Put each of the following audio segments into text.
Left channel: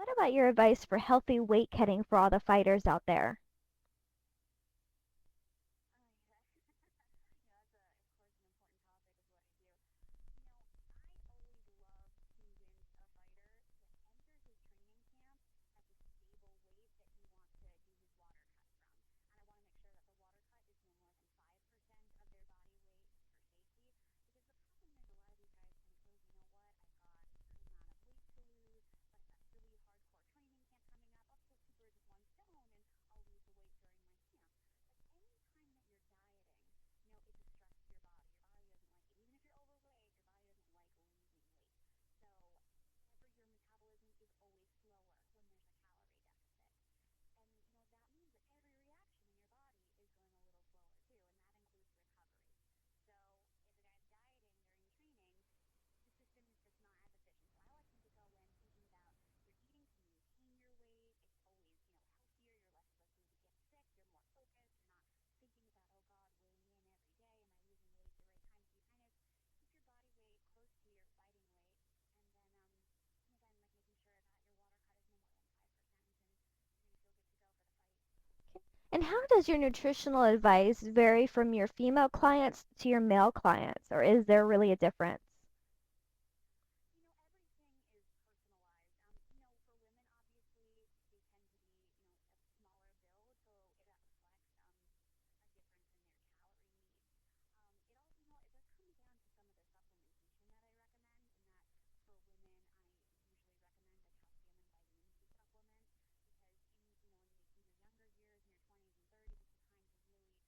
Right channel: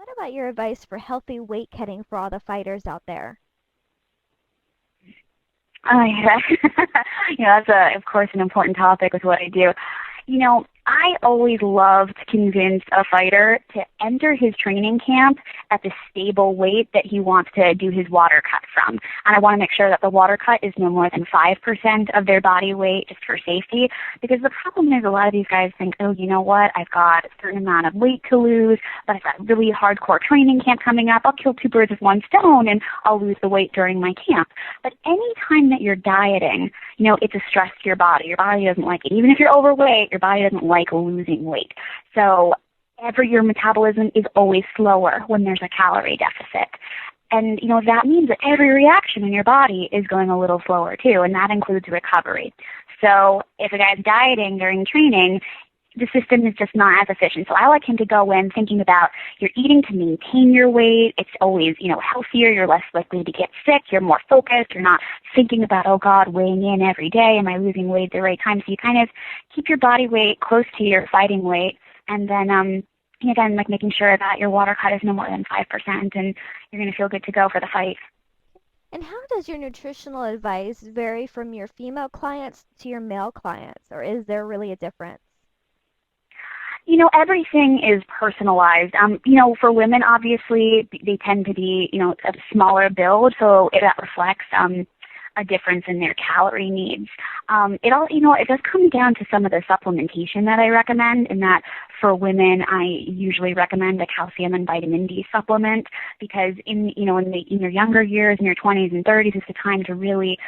What about your advice for healthy weight cutting for all the fighters out there? Oh, yeah. That's of course an important topic with what I do. I always love to convince a fighter to enter his training camp at the stable weight that he wants to do his water cut from. And I want to make sure that the water cut is no more than 5% of their body weight just for safety. Because the problem is a lot of these guys think, oh, you know what, I've got a certain amount of weight to lose, but I've got really hardcore training camp coming up. I'll kill two birds with one stone and I'll lose the weight during my camp. But any time that you're dieting, it's a stress to your body. Your body doesn't like it. Even if you're overweight, your body doesn't like losing weight. So your metabolism is always slower when there's a calorie deficit. And, that means that every reaction in your body is going a little slower too, and that includes recovery. So if a guy's dieting during training, the system is just not as efficient. So I like him to go in thinking about you're eating to maintain your weight. It's always, healthier. You're less likely to get sick. You're more focused. You're not thinking about, oh God, weighing in every day. Am I losing weight at the right time? So you kind of keep your body weight close to your fighting weight. And then, again, like making sure that your water cut is no more than 5% and you're going to feel good to go for the fight. And how does your nutritional advice vary from your female clients to your male clients, or is there really a difference? Everything is personalized. For women, obviously, they tend to be, a smaller build, so that reflects a difference in their calorie needs. It does come down to some of the supplementation that I recommend, in that for women, I usually recommend a calcium and vitamin D supplement because in your younger years, in your 20s and 30s, is the time to really,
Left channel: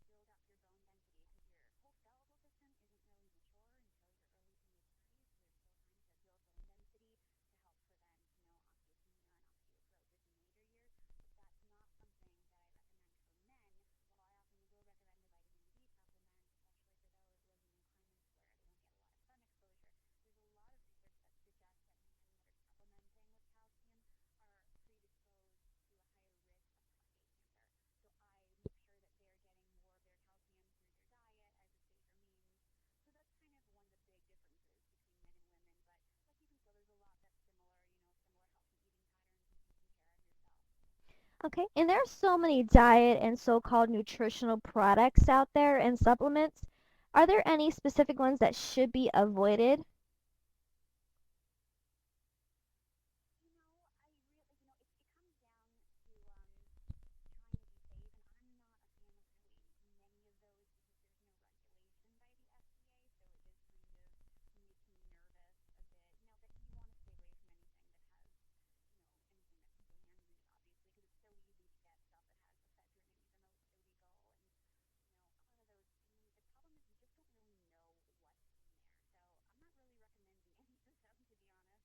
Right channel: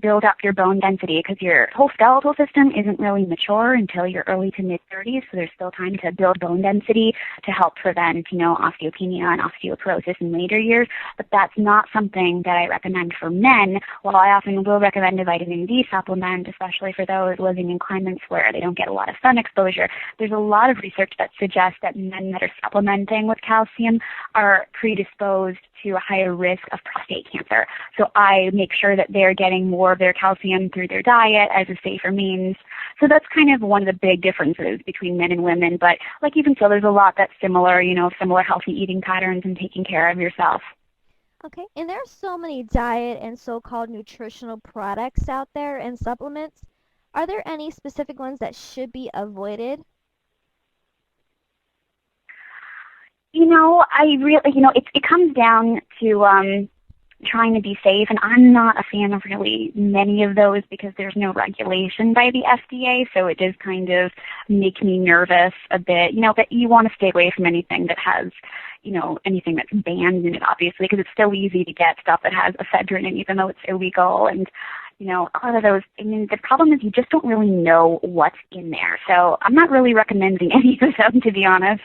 build up your bone density because your whole skeletal system isn't really mature until your early to mid 30s. So there's still time to build bone density to help prevent, osteopenia and osteoporosis in later years. But that's not something that I recommend for men. While I often will recommend a vitamin D supplement, especially for those living in climates where they don't get a lot of sun exposure, there's a lot of research that suggests that men that are supplementing with calcium are predisposed to a higher risk of prostate cancer. So I make sure that they're getting more of their calcium through their diet as a safer means. So that's kind of one of the big differences between men and women. But even so, there's a lot that's similar, similar healthy eating patterns and taking care of yourself. Okay, and there are so many diet and so-called nutritional products out there and supplements. Are there any specific ones that should be avoided? I really, it comes down to trying to be safe, and I'm not a fan of really many of those because there's no regulation by the FDA, so it does kind of make me nervous a bit. But you want to stay away from anything that has, anything that's banned in it, obviously, because it's so easy to get stuff that has ephedrine in, even though it's illegal. And a lot of those, the problem is you just don't really know what's in there. So I'm not really recommending any of them, to be honest.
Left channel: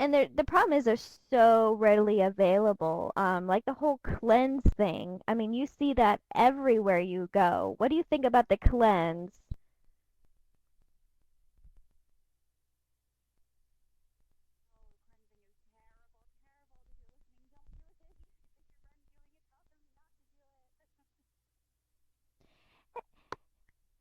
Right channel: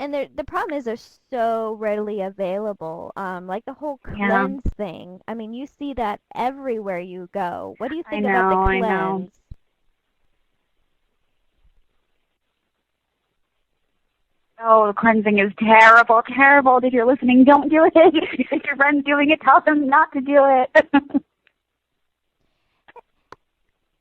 And the problem is they're so readily available. Like the whole Yeah, cleanse thing. I mean, you see that everywhere you go. What do you I think about the know, I know. cleanse? Oh, the cleansing is terrible, terrible. If you're listening, don't do it. If you think your friend's doing it, tell them not to do it.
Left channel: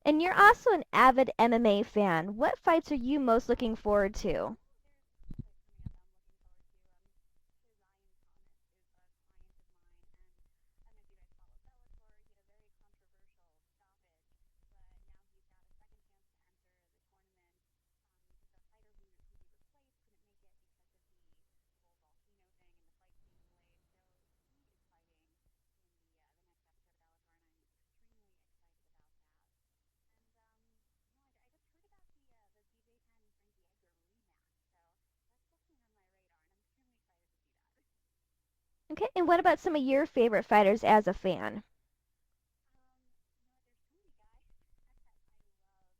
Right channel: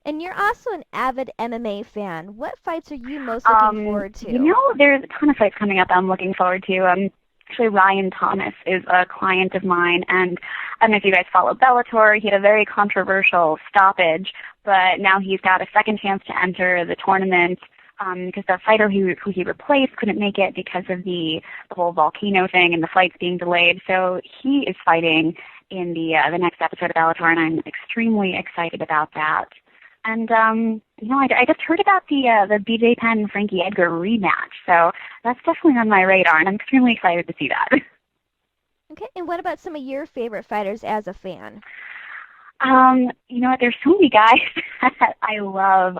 And you're also an avid MMA fan. What fights are you most looking forward to? There's a ton of fights coming up I'm looking forward to. Actually, Ryan Thomas is a client of mine, and I don't know if you guys follow Bellator. He had a very controversial stoppage, but now he's got a second chance to enter the tournament because the fighter who he replaced couldn't make it because of the whole volcano thing and the flights being delayed. So he is fighting in the next episode of Bellator, and I'm extremely excited about that. And I just heard about the BJ Penn Frankie Edgar rematch, so that's definitely on my radar, and I'm extremely excited to see that. Okay, and what about some of your favorite fighters as a fan? There's so many guys that I love.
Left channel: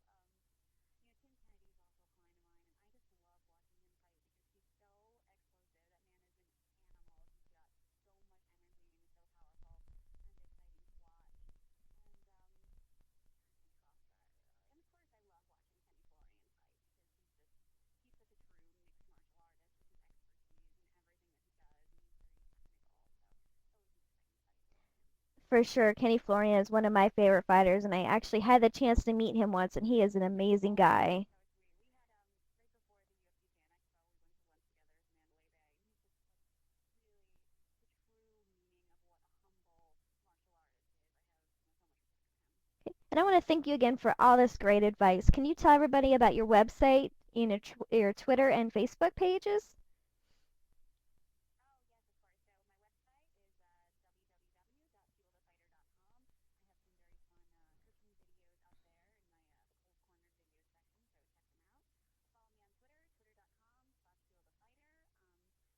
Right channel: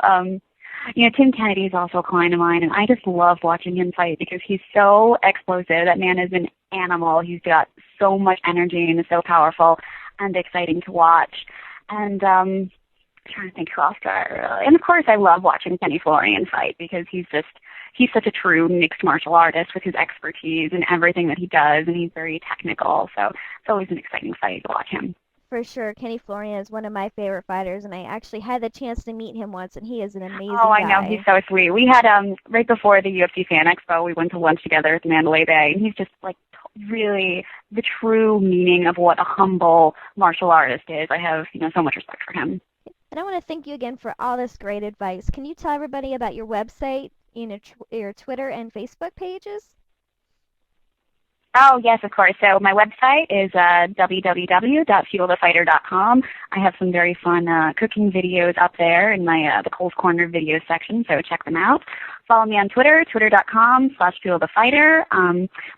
Tim Kennedy is also a client of mine, and I just love watching him fight because he's so explosive. That man is an animal. He's got so much energy and is so powerful and exciting to watch. And trying to think who else do I really. And of course, I love watching Kenny Florian fight because he's such a true mixed martial artist with his expertise and everything that he does, and he's very technical. So it's always an exciting fight to watch him. For sure, Kenny Florian is one of my favorite fighters, and I actually had the chance to meet him once, and he is an Oh, amazing I know. He's guy. so sweet. We had right before the UFC Fan Expo, we went to lunch together at Mandalay Bay, and he's just like really the true meaning of what a humble martial artist is. I have, so much respect for him. And I want to thank you again for all this great advice. Can you tell everybody about your website, your Twitter and Facebook pages? Oh, yes, of course. So my website is www.fuelthefighter.com. I have some very fun cooking videos up there in my the Cole's Corner video section, so check them out. Follow me on Twitter, twitter.com/fuelthefighter.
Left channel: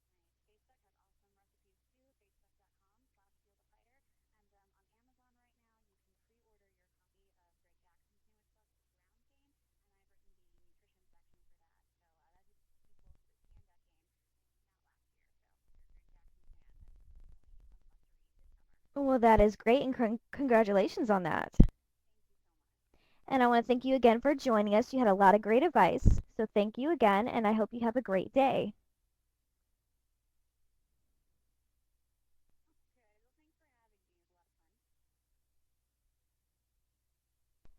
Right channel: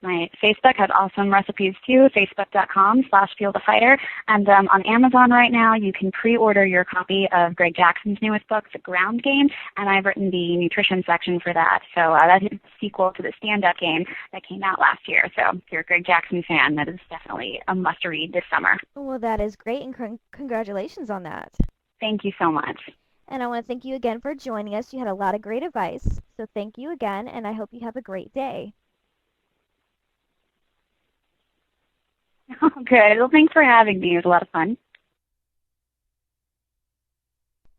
My Facebook has awesome recipes too, facebook.com/fuelthefighter. And on Amazon right now, you can pre-order your copy of Greg Jackson's newest book, The Ground Game, and I've written the nutrition section for that. So that is a sequel to the stand-up game that came out last year. So if you're a Greg Jackson fan, that is definitely a must-read this summer. Well, that is great, and congratulations on that. Thank you so much. And I want to thank you again for joining us. You had a lot of great advice. So thank you again, and I hope you have a great day. Good. Well, thanks for having me. It was a lot of fun.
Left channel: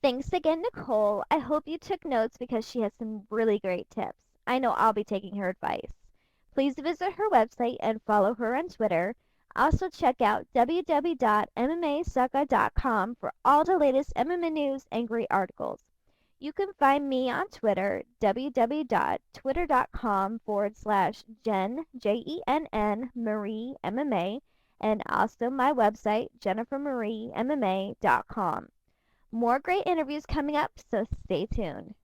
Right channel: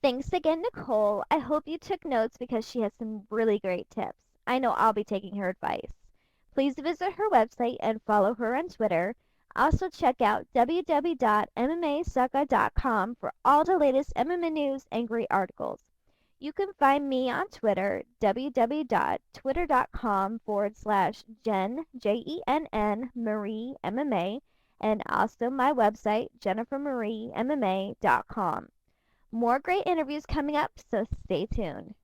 Thanks again, Nicole. I hope you took notes because she has some really great tips. I know I'll be taking her advice. Please visit her website and follow her on Twitter. Also check out www.mmasaka.com for all the latest MMA news and great articles. You can find me on Twitter, www.twitter.com/Jen, Jenn, Marie MMA, and also my website, jennifermariemma.com. More great interviews coming up, so stay tuned.